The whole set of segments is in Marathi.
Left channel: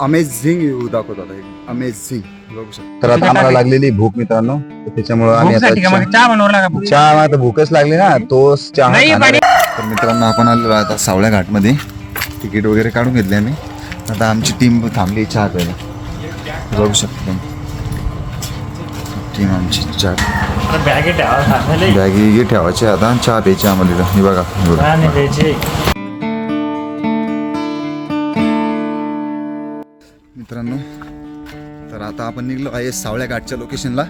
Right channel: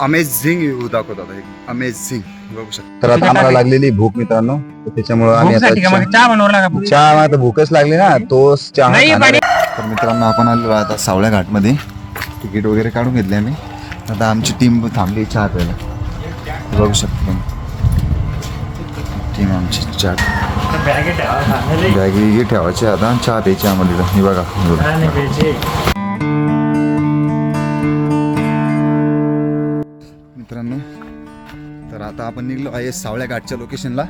अमेझिंग व्ह्यू दाखवतो आता अमेझिंग बघू शकता. तर आता आम्हाला लागलेली भूक मित्रांनो. तर त्याच्यामुळे आम्ही आता चहा- चहा लागा? चहा आता भूकच लागली ना. तोच चहा नाही, खाणार आहे. तर मित्रांनो आपण आलेलो आहे आता सावळ्या घाटमध्ये. तिकीट वगैरे काढून घेतले आम्ही. आता आमची टीम थांबली चहा प्यायला. बघू शकता तुम्ही. टीम आमची चहा बॅगी ठेवायची आता. आणि चहा प्यायची आम्हाला इथं. हे बघा हे बघा. आता आपण निघलो आहे सावळ्या घाटच्या लोकेशनला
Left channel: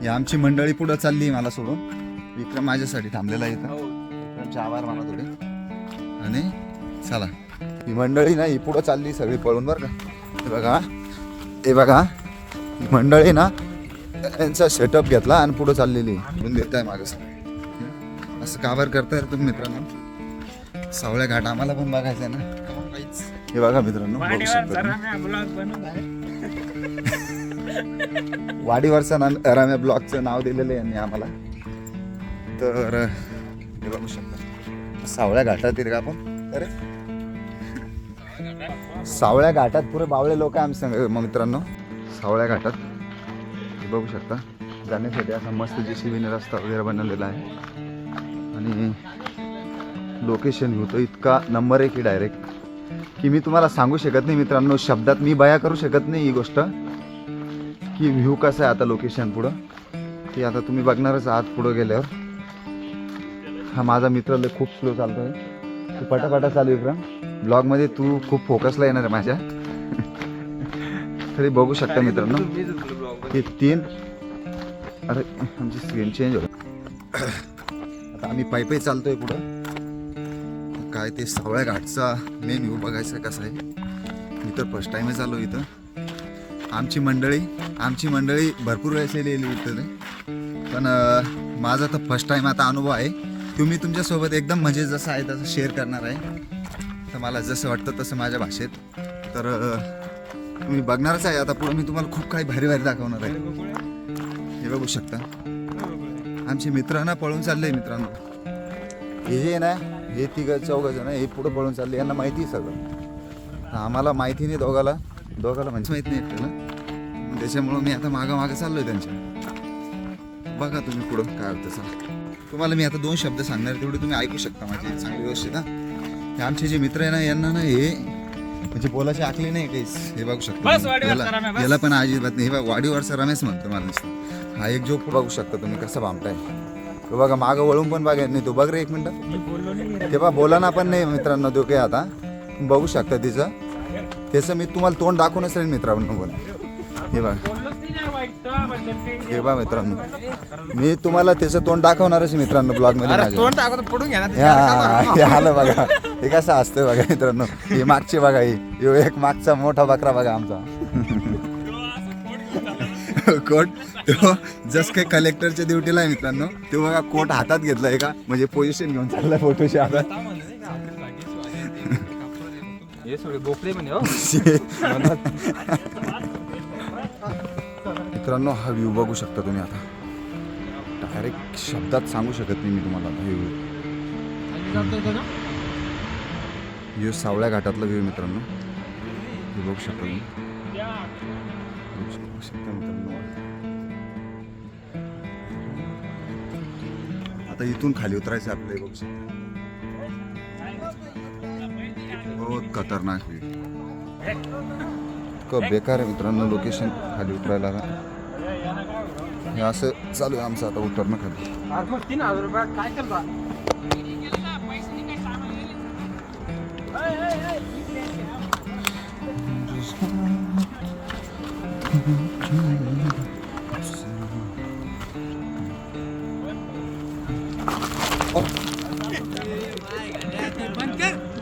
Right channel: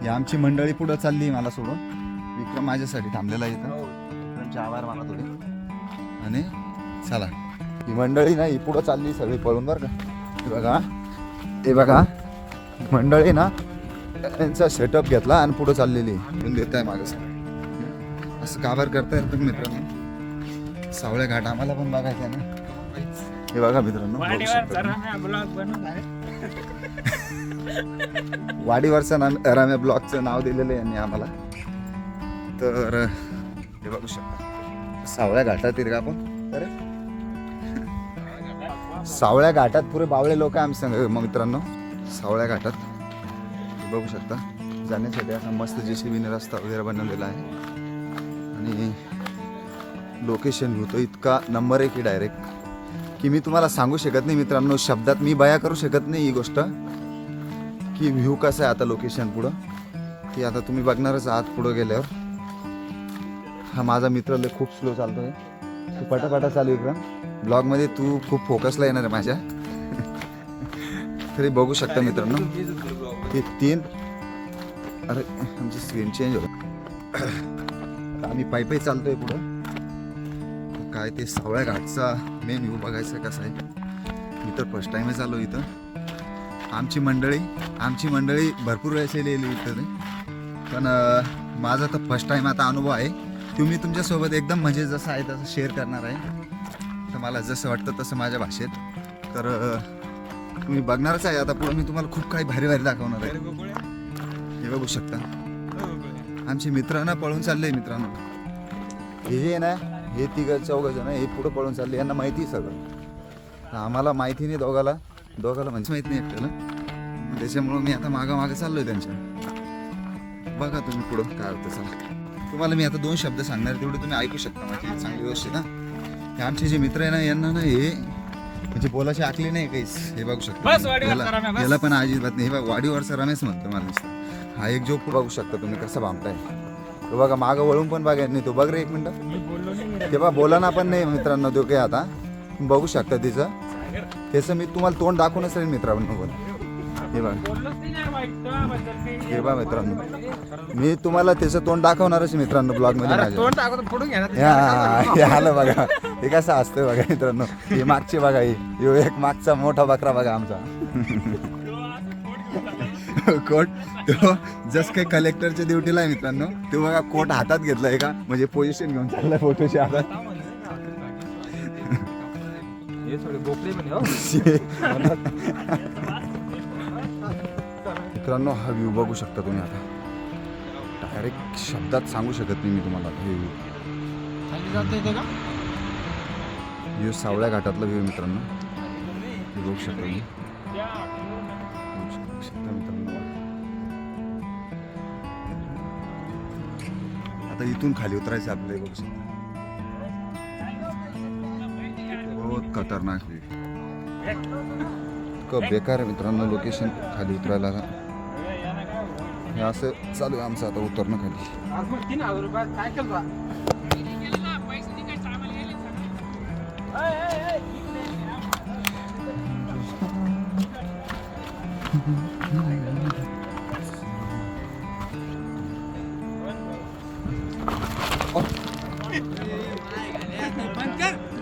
ही आमची मंडळी पुढं चालली मला सोडून. विक्रम माझ्यासाठी थांबलेला आहे इथं. विक्रमचे आभार माना थोडे आणि चला. ही मंडळी ना ही पुढं चालली सगळी पळून बरं का. हे बघा. हे बघा. ही मंडळी ना यांचा सेटअप घेतला आणि पुढं चाललेली म्हणून देत आहे मागं असं काबर करताय तुम्ही मित्रांनो? सावळ्या घाट आम्हाला पण बघायचं आहे ना हे बघा मित्रांनो बघू शकता तुम्ही. वाडीवरचं नाम राम्या ब्लॉगचं नाव दिलेलं आहे यांनी आम्हाला. तर हे बघू शकता. सावळ्या घाटात येईल का आपण? अरे. सावळ्या घाटात पुरे बावळे लोक आहे आम्ही सांग मग मित्रांनो सावळ्या घाटात. हे बघू शकता. जाण्यासाठी असा मस्त जे शिबीने रस्ता वगैरे बनवलेला आहे. आणि लोकेशन व्ह्यू तो इतका नंबर आहे की डायरेक्ट की मी तुम्हाला सांगू शकत नाही मित्रांनो शब्दात मी बया करू शकत नाही ही गोष्ट. की व्ह्यू कसा आहे आता लोकेशन पुढं? की आता तुम्ही बघणारच आहात पुढं गेल्यावर. हा माझा मित्र लय खूप स्लो चालतोय. तू पटापटा चालू विक्रम. ब्लॉगमध्ये तू खूप फोकसला येणार आहे माझ्या. तरी बघू शकता मित्रांनो. हे तीन अरे आमची स्क्रीन चेंज होईल. आता आम्ही पायी पायी चालतोय पुढं. तर काय ते सावळ्या घाटचा मेन व्ह्यू बघायचा कसा आहे? मी तर फर्स्ट टाईमच आलो इथं. आमची मंडळी आमची मंडळी भरपूर वेळेस येलेली इथं. पण माझा तर फर्स्ट टाईम आता अनुभव आहे. तुम्ही तुमच्यासोबत एकदम म्हणजे जसं आहे तसं शेअर करणार आहे. तर मला जसं वाटतं तसं माझ्या भाषेत. तर तुम्ही बघणारच आहे. आता पुढं मी तुम्हाला खूप काही भारी भारी दाखवणार आहे. हे बघू शकता. आमचे मित्रांना पळून चालले मित्रांनो. हे जे आहे ना? हे तिघ चौघ जण हे पुढं पळून चालले यांना माहिती आहे सगळं. आम्हाला माहिती नाही दोघाला. दोघाला म्हणजे माहिती नाही एकट्याला त्याच्यामुळं मी आता मागं मागं चाललोय त्यांच्या. बघा तुम्ही पुढं काय होतं चला. तुम्हाला मी आता दोन शब्द सांगणार तेवढे तुम्ही ऐकू शकता माझी चांगली व्यवस्थित हा. हे आमचे जे मित्र आहे ना यांना ना हे म्हणजे बोलायचे आकले नाही काहीच. हे बघू शकता याला- पण अजिबात नाही. हे बघा वाडीवरचा रमेश म्हणतो मला नुसतं. हा एक जो बघू शकता तुम्ही कसं बांधताय. तो बघा मागं वळून पण बघा नाही तो बघ रे एक मिनिट. ते बा बोला ना पण नाही मित्रांनो तो काय आता? तुम्ही बघू शकता तिचं. त्याचं मी तुम्हाला तोंड दाखवूनच राहील मित्रांनो पण. हे बघा. हे बघा मित्रांनो. मी तुम्हाला त्याचं तोंड दाखवणारच मित्रांनो ब्लॉगमध्ये माझ्या तोंड टाकतो पुढून घ्या ना. आलं बघा. हे कसं असतं बघा मित्रांनो. हे मागचे बघा ही. एक मागचा मोठा बकरा बघा आमचा. कोट. तो जस काही कलेक्टरच्या ड्युटीला आहे मित्रांनो. तो बघा कोट हातात घेतलाय का म्हणजे पोझिशन घेऊन चाललाय फोटोच्या हातात मित्रांनो हा व्ह्यू बघू शकता तुम्ही आता. डायरेक्ट शब्दात सांगू शकत नाही मी तुम्हाला आता हे व्ह्यू व्ह्यू सावळ्या घाटातला व्ह्यू मित्रांनो. हे बघू शकता तुम्ही. बघू शक- बघू शकता मित्रांनो आता इथून खाली उतरायचं आपल्याला बघू शकता. बहुत खतरनाक इतकं बेकार आहे मित्रांनो लोकेशन खाली उतरायला. हे असं चालू आहे आमचं आता उतरणं खाली. आज मग तीन हजार रुपयात काय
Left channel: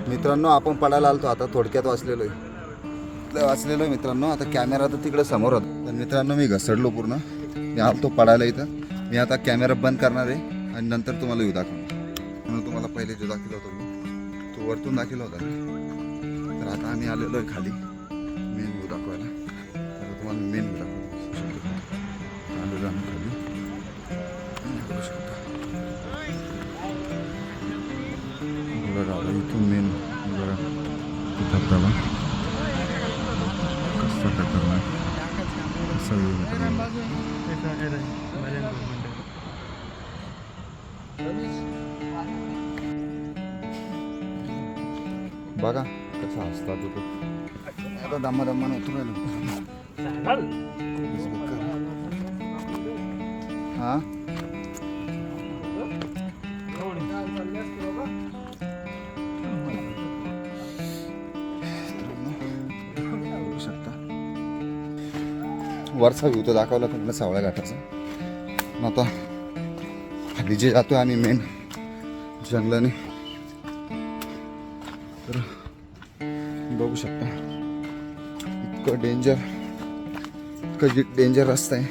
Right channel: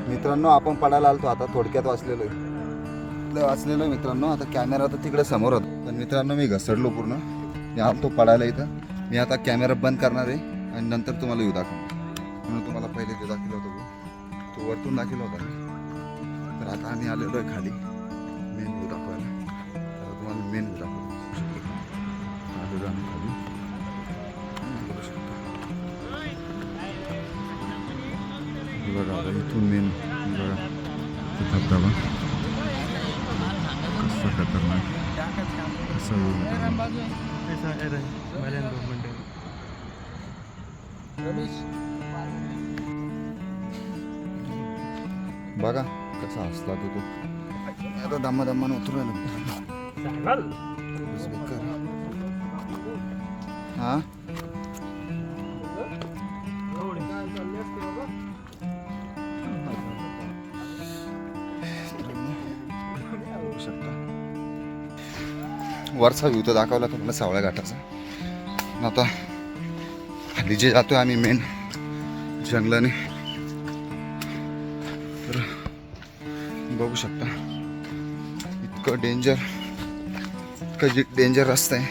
मित्रांनो आपण पडायला आलतो. आता थोडक्यात वाचलेलो आहे लय वाचलेलो आहे मित्रांनो. आता कॅमेरा तर तिकडे समोर होता. पण मित्रांनो मी घसरलो पूर्ण. मी आलतो पडायला इथं. मी आता कॅमेरा बंद करणार आहे आणि नंतर तुम्हाला येऊ दाखवणार. म्हणून तुम्हाला पहिले ते दाखवलं होतं तो वरतून दाखवला होता मी. तर आता आम्ही आलेलो आहे खाली. मेन व्ह्यू दाखवायला. तर तुम्हाला मेन व्ह्यू दाखवतो आलेलो आम्ही खाली बघू शकता. बघा आता इथून मेन बघा तो धबधबा रस्ता खतरनाक कसा येऊ मित्रांनो बघा कसा हसला तो आता दम्मा दम्मानं उतरू राहिलो. हा बघू शकता वरचा व्ह्यू तर दाखवला तुम्हाला सावळ्या घाटाचा. आता खाली जे जातोय आम्ही मेन जंगलाने तर बघू शकता. इतकं डेंजर इतकं जे डेंजर रस्ता आहे.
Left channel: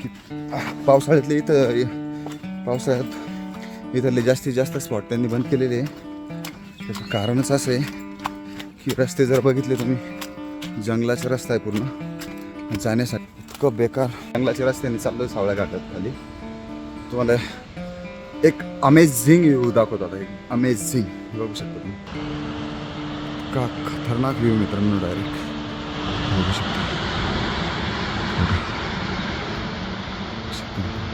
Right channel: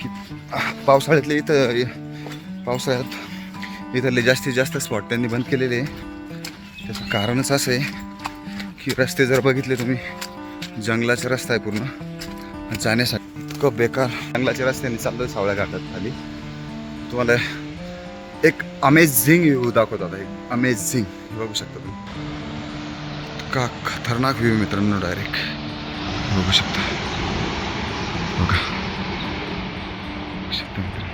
की पावसाळ्यातले इथं पावसाळ्यात इथले जास्तीत जास्त स्पॉट त्यांनी बंद केलेले आहे. त्याचं कारणच असं आहे की रस्ते जर बघितले तुम्ही जंगलाचा रस्ता आहे पूर्ण. जाण्यासाठी इतकं बेकार. जंगलाच्या रस्त्याने चाललं सावळ्या घाटात खाली. तुम्हाला एक अमेझिंग व्ह्यू दाखवत आता. एक अमेझिंग बघू शकता तुम्ही. का खतरनाक व्ह्यू मित्रांनो डायरेक्ट बघू शकता. बघा. शकता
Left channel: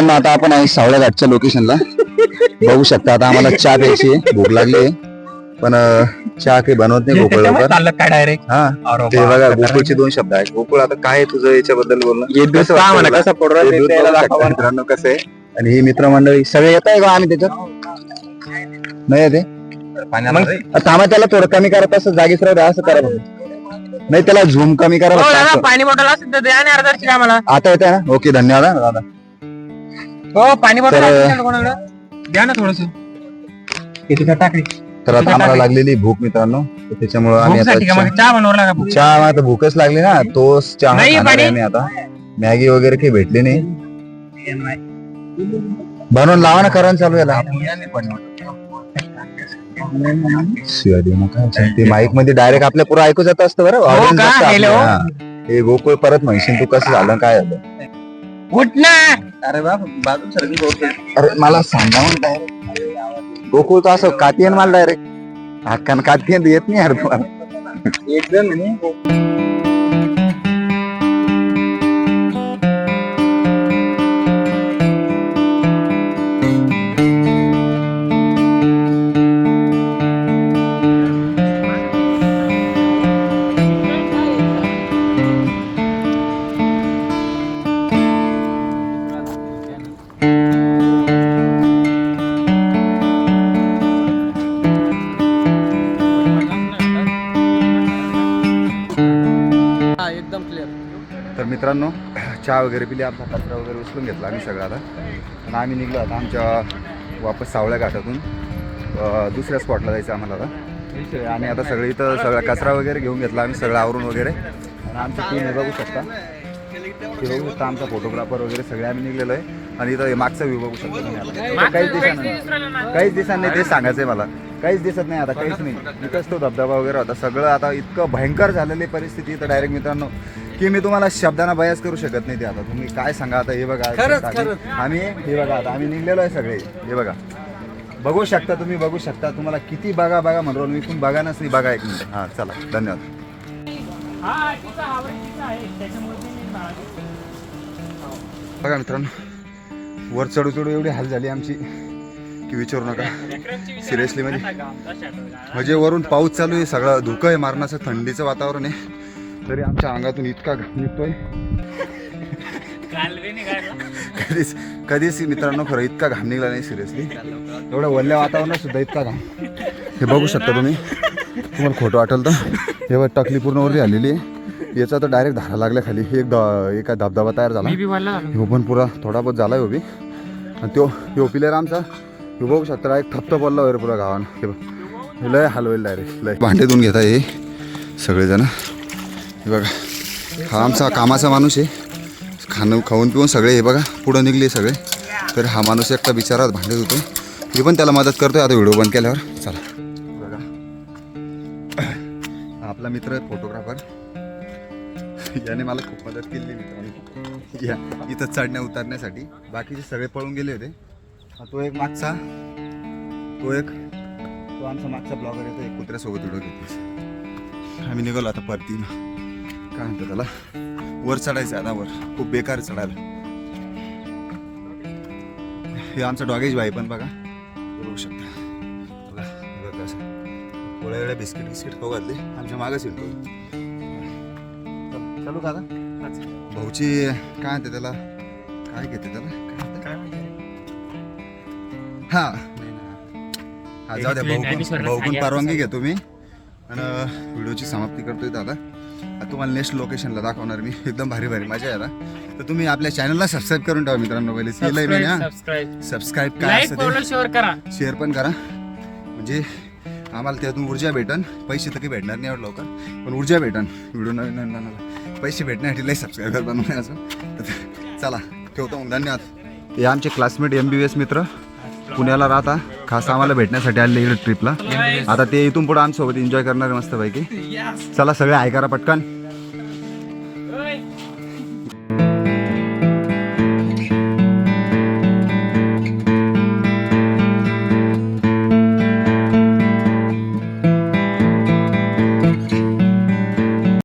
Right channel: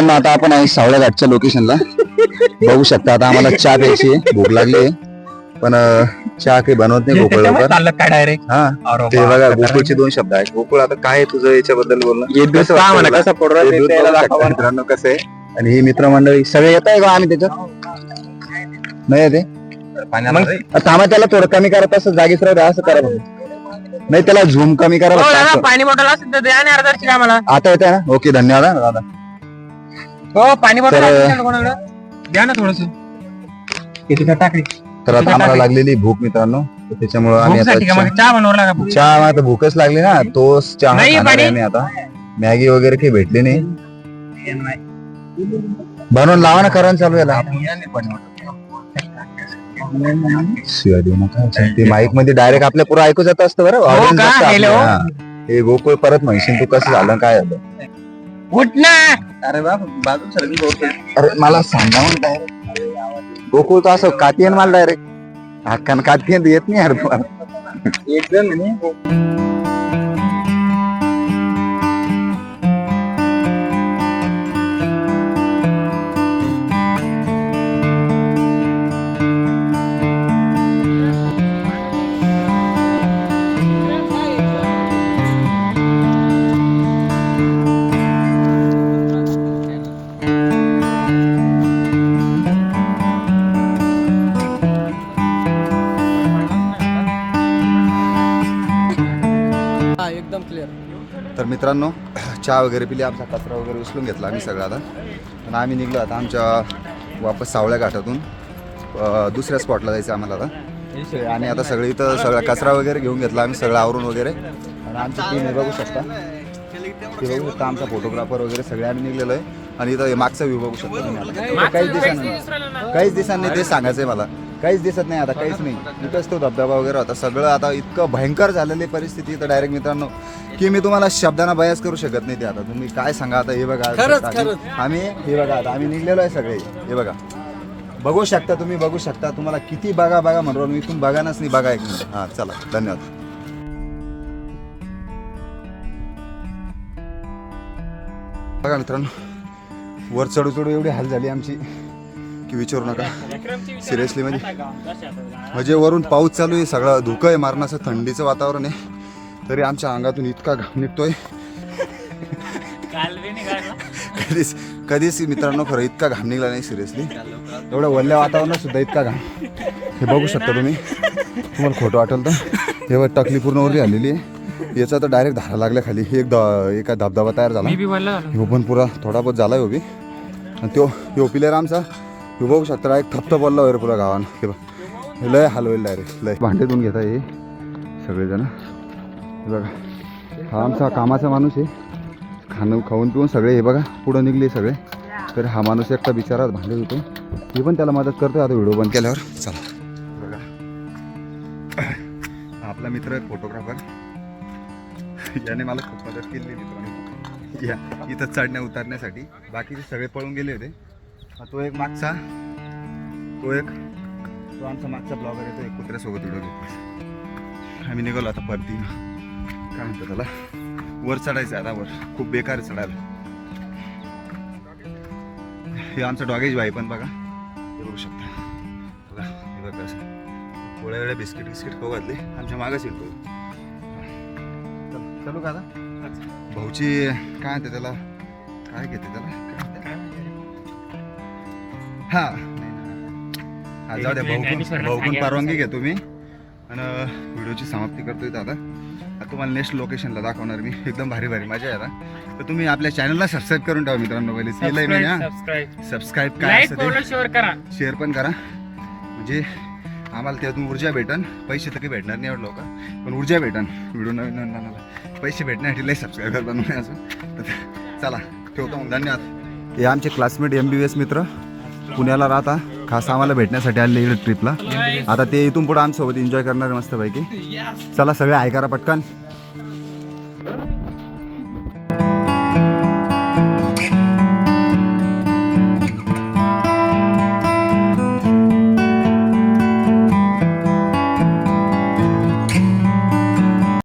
मित्रांनो. तर मित्रांनो आता आपण आहे सावळ्या घाटच्या लोकेशनला बघू शकता आता आम्हाला चहा प्यायची आहे भूक लागली आहे. पण अं, चहा काही बनवत नाही गोकुळ लवकर. चाललं काय डायरेक्ट हा. ते बघा गोकुळचे दोन शब्द आहेत. गोकुळ आता काय आहे तुझं याच्याबद्दल बोलणं? कसं वाटतं तुला? कसं पडू हे दूध बघू शकता. मित्रांनो कसं आहे? आणि ही मित्रमंडळी सगळे येत आहे का आम्ही त्याच्यात नाही येते थांबा त्याला थोडं कमी करत असं जागीच राहू द्या, असं करा बघा. नाही त्याला झूम कमी करा हो, असं. पाणी बॉटल असेल तर द्या अर्धा आता येते ना? ओके धन्यवाद हा, दादा. हो पाणी बॉटल तर- कोणाकडे? द्या ना थोडस. टाकली. तर आता आम्हाला लागलेली भूक मित्रांनो. तर त्याच्यामुळं आम्ही आता भूकसाठी का मग? चहा- चहा बनवला का? चहा आता भूकच लागली ना. तोच चहा नाही, खाणार पाणी. आहे आम्ही आता. मॅगी वगैरे काही भेटली नाही. बनवून लावा ना करण चालू याला. शिवाय देऊ नका. ते माईकमध्ये डायरेक्ट आपल्या पुढे ऐकू जात असतं बरं. audience हो Hello? हा. हे. गोकुळ परत म्हणशील तू कसं झालं काय झालं? उठ ना. अरे बा बाजू सरकी अरे मला सांगा मग डायरेक्ट गोकुळ तर असं कातीयन मला डायरेक्ट हक्कान कातीयन येत नाही यार पण. एकदम तर मित्रांनो चहा वगैरे पिली आमचा कचरा वगैरे उचलून घेतला आम्ही सगळा आता. आणि आम्ही निघलो आता आमच्या वापस सावळ्या घाटातून. दुसऱ्या स्पॉटला जायचं आम्हाला आता. आणि आता सगळी इथं सगळा कचरा वगैरे घेऊन घेतला आम्ही सगळं आवरून वगैरे. आणि आमची टीम हे बघू शकता. ते बघू शकता आमचा फोटोग्राफर वगैरे सगळे आम्ही निघलेलो आहे. आणि इथं मागचा व्ह्यू बघू शकता तुम्ही आता. काहीच दिसत काहीच दिसत ते सांगायचं आहे मला. काहीच दिसत नाही आता काहीच नाही. इथंच तो धबधबा वगैरे होता. सगळं आता इतकं भयंकर झालेली परिस्थिती. इथं डायरेक्ट मित्रांनो की मी तुम्हाला शब्दांना बयास करू शकत नाही ते आता. तुम्ही काय सांगा आता हे बघा. आम्ही- आम्ही हे बघा आता आम्ही निघलेलो आहे सगळे. हे बघा. बघू शकता तुम्ही बघू शकता. तुम्हाला किती बघा बघा म्हणलो मी तुम्ही बघानच नाही बघा एक मिनिट. हां चला. धन्यवाद. बघा मित्रांनो वर चढू चढू एवढी हाल झाली आमची की विचारू नका. सिरियसली म्हणजे म्हणजे वरून पाऊस चालू आहे सगळं धुकं आहे मारण्याचं थंडीचं वातावरण आहे. तरी आमच्या अंगातून इतका घाम निघतोय. कधीच कधीच मित्रांनो खरं इतका घाम निघला नाही सिरियसली एवढ्या वल्ल्या वातावरणात सुद्धा इतका घाम. हे बघू शकता तुम्ही. तुम्हाला खोटं वाटेल तर. हे बघ टकली पूर्ण वरली आलेली आहे. याचा तर डायरेक्ट धारा लागल्या खाली. एक द एका धबधबा तयार झाला. ह्यो पण पुरा थोडा बहुत झाला बी. आणि तो ह्यो पिलेर आमचा. ह्यो बघू शकता डायरेक्ट थप्प पडला वगैरे पुरा गावानं. हे बघ. हे लय हलवेल डायरेक्ट लय. भांडे घेता हे सगळेजण. हे बघा. हा आमचा कामाचा माणूस आहे. खाणं खाऊन पिऊन सगळे हे बघा. पुढं निघले सगळे. तर हा माणूस एकटा बिचारात भांडत होतो. मी पण त्याला मदत करतोय. आता व्हिडिओ बंद केल्यावर. चला. बघा. आपला मित्र आहे फोटोग्राफर. याने मला खूप मदत केली मित्रांनी. या. इथं चढण्या उतरण्यासाठी. बाकीचे सगळे पळून गेले होते. तो एक मागचा. तो एक. तो आमचा मागचा ब्लॉगर आहे. तो एक कुत्र्यासोबत व्हिडिओ घेतली आम्ही निघालो आता परती काय म्हणतो त्याला? वर चढायचं आता वर. खूप बेकार चढायला. हे आमचा डॉगेज भाई पण बघा. बघू शकता. बघा हे बघा असं. पोळ्या वेळ्या बिस्किट बिस्किट खाऊ घातले. आमच्या मागच येतो चल चालू का आता? भाऊची काय म्हणते त्याला? काय घेते त्याला? काय म्हणते? हा. नाही ना हा जाऊ द्या भाऊ भाऊकून परवानगी घेतो मी आणि व्हिडिओची समाप्ती करतोय आता. तुम्हाला नेक्स्ट लोकेशनला दाखवणार मी. एकदम भारी भारी मजा आहे तर तुम्ही आपल्या चॅनलला सबस्क्राईब करून ठेवा मित्रांनो पहिले. केलंय मी ना सबस्क्राईब सबस्क्राईब काय असतं ते शेअर करा. शेअर पण करा. म्हणजे आम्हाला त्यातून ऊर्जा भेटन. पैसे तर काही भेटणार नाही एवढं लवकर. पण ऊर्जा भेटन. व्हिडिओ नवीन नवीन पैसे भेटण्यासाठी लई सबस्क्राईबर बनवण्याचं तर चला ठेवतो मग. धन्यवाद. हे आमचे क्लासमेट एम बी एस मित्र. पुण्याला राहता खास आम्हाला भेटण्यासाठी आले इकडे ट्रिपला आता ते इथून पुढे आमच्यासोबत एन्जॉय करणार मस्तपैकी. चला सगळे ऐकारा पटकन.